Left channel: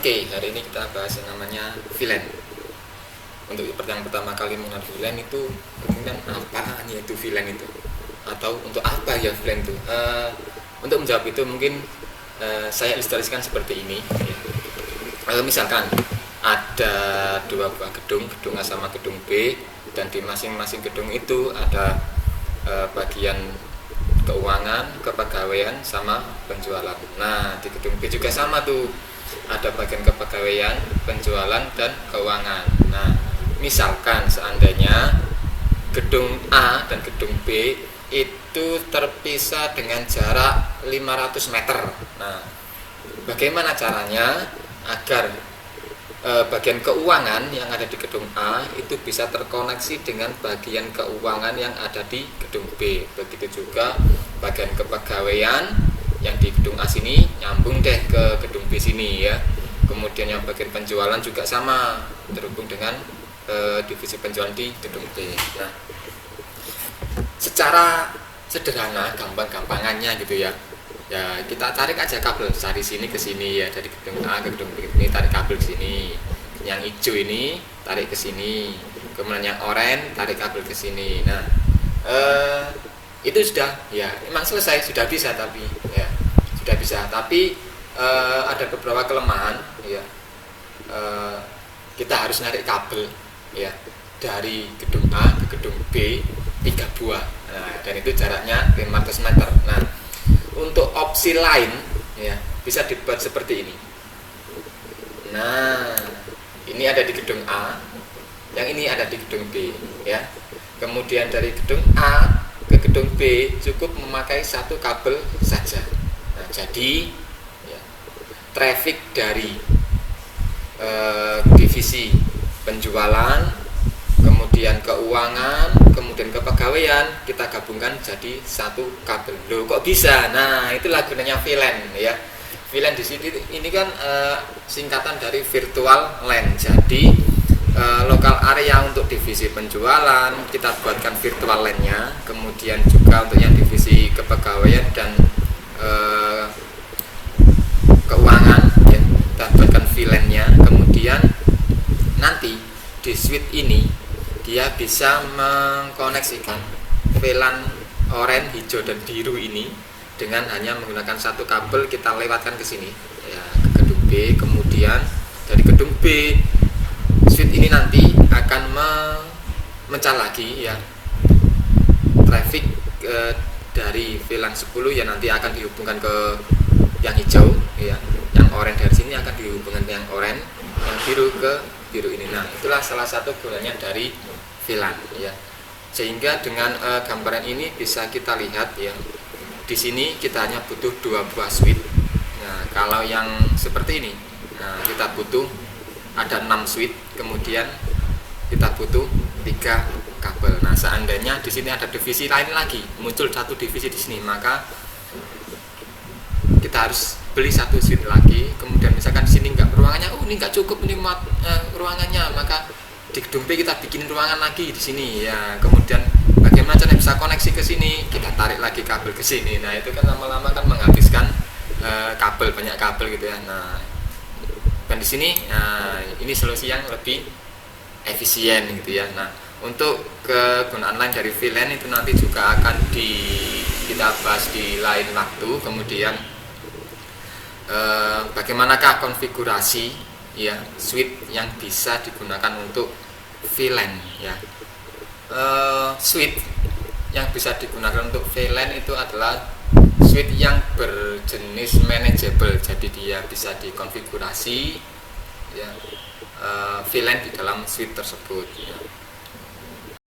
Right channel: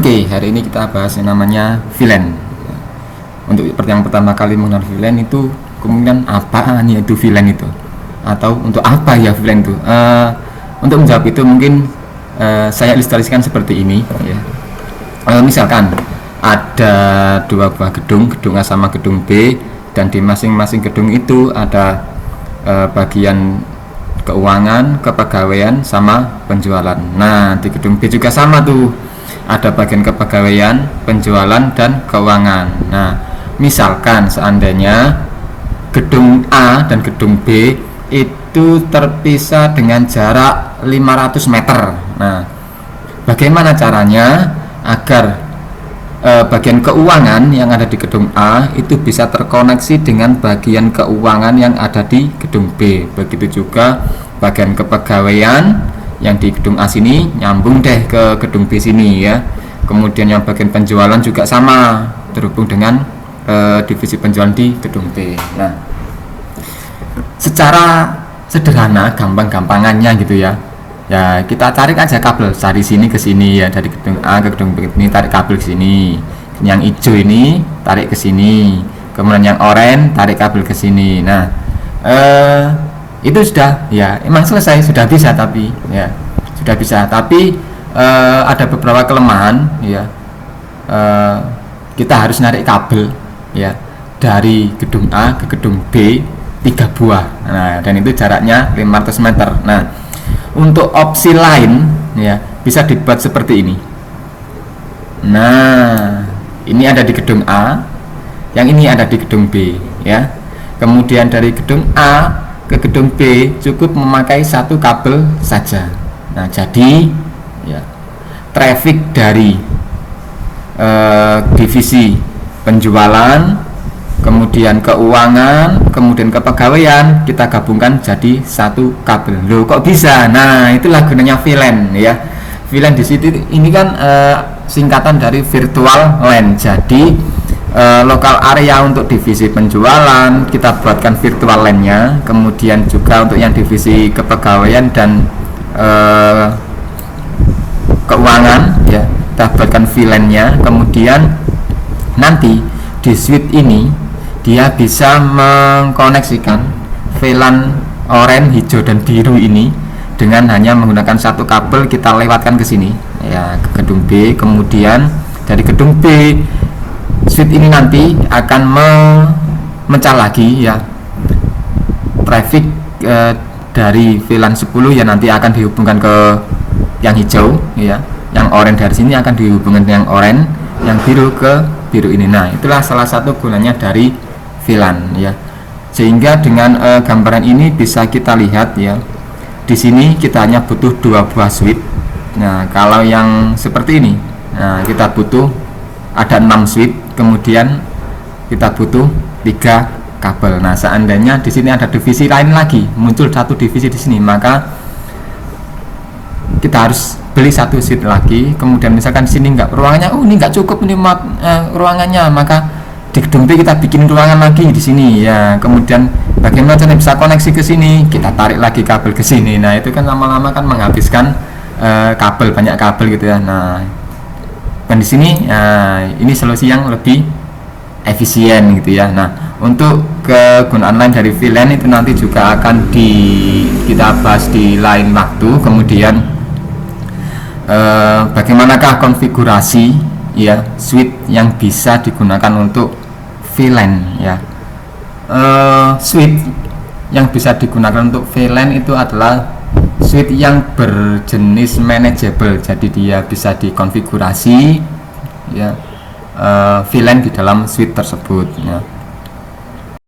Oke, hari ini kita bahas yang namanya VLAN. Untuk yang pertama kali mengenal VLAN itu kemungkinan apaan ya itu VLAN itu, atau untuk apa ya VLAN itu. Untuk menjawab itu mungkin saya ilustrasikan seperti ini ya. Misalkan ada dua buah gedung, gedung A sama gedung B, dan di masing-masing gedung itu ada bagian keuangan, kepegawaian, sama penjualan. Nah, di gedung B juga sama tuh, ada bagian kepegawaian, penjualan, dan keuangan. Nah, misalkan seandainya gedung A dan gedung B itu terpisah dengan jarak 500 meter. Nah, bagaimana caranya agar bagian keuangan yang ada di gedung A itu bisa terkoneksi dengan bagian keuangan yang ada di gedung B. Begitu juga bagian kepegawaian yang di gedung A sini nyambung deh ke gedung B sini ya. Kemudian yang bagian penjualan juga sama, terhubung dengan divisi penjualan di gedung B. Nah, secara sederhana, gampang-gampangannya gitu ya. Ya, kita tarik aja kabel dari sini ke sini ya, dari gedung A ke gedung B ini tarik kabel ke sini. Yang hijau ini tarik ke sini. Kemudian yang oranye tarik kabel ke sini. Nah, itu sudah ya, emang selesai, sudah bisa tapi ya, sudah bisa. Tapi ada beberapa kelemahan ya. Kita harus narik kabel ya dari gedung A ke gedung B 3 buah. Nah, dan itu jaraknya 500 meter. Nah, untuk opsi lain ya bisa dibuat seperti ini. Nah, ini ada di gedung A, yang ini ada di gedung B ya. Kemudian dari gedung A ke gedung B cukup memakai satu kabel saja. Nah, jadi ya traffic dari divisi penjualan, kemudian keuangan, kemudian kepegawaian kita gabungkan jadi satu kabel. Loh, kok bisa? Nah, itulah gunanya VLAN ya. VLAN di situ ini kan singkatan dari virtual LAN. Jadi lokal area untuk divisi penjualan kita buatkan virtual LAN-nya, kemudian juga untuk yang divisi kepegawaian dan keuangan ya kita buatkan VLAN-nya. Kemudian nanti di switch ini dia bisa mengkoneksikan VLAN oranye, hijau, dan biru ini dengan hanya menggunakan satu kabel. Kita lewatkan ke sini ya, ke gedung B. Kemudian dari gedung B switch ini nanti akan memecah lagi ya traffic dari VLAN 10 ya, nanti akan dihubungkan ke yang hijau ya, yang oranye dari sini akan dihubungkan dengan yang oranye, yang biru ke biru ini. Nah, itulah salah satu gunanya dari VLAN ya. Sehingga dengan gambaran ini bisa kita lihat ya. Di sini kita hanya butuh 2 buah switch. Nah, kalau yang seperti ini, nah kita butuh ada 6 switch, kemudian kita butuh 3 kabel. Nah, seandainya di sini ada divisi lain lagi, muncul satu divisi di sini, maka kita harus beli satu switch lagi. Kemudian misalkan di sini enggak, ruangannya ini enggak cukup ini ruangannya, maka di gedung B kita bikin ruangan lagi di sini ya. Kemudian bagaimana cara bisa koneksi ke sini, kita tarik lagi kabel ke sini. Nah, itu kan lama-lama kan menghabiskan kabel, banyak kabel gitu ya. Nah, dan di sini ini solusi yang lebih efisien gitu ya. Nah, untuk kegunaan lain dari VLAN itu nanti juga akan kita bahas di lain waktu. Kemudian bagaimanakah konfigurasi ya switch yang bisa digunakan untuk VLAN ya. Switch yang bisa digunakan untuk VLAN itu adalah switch yang berjenis manageable. Jadi dia bisa dikonfigurasi ya VLAN di dalam switch tersebut ya.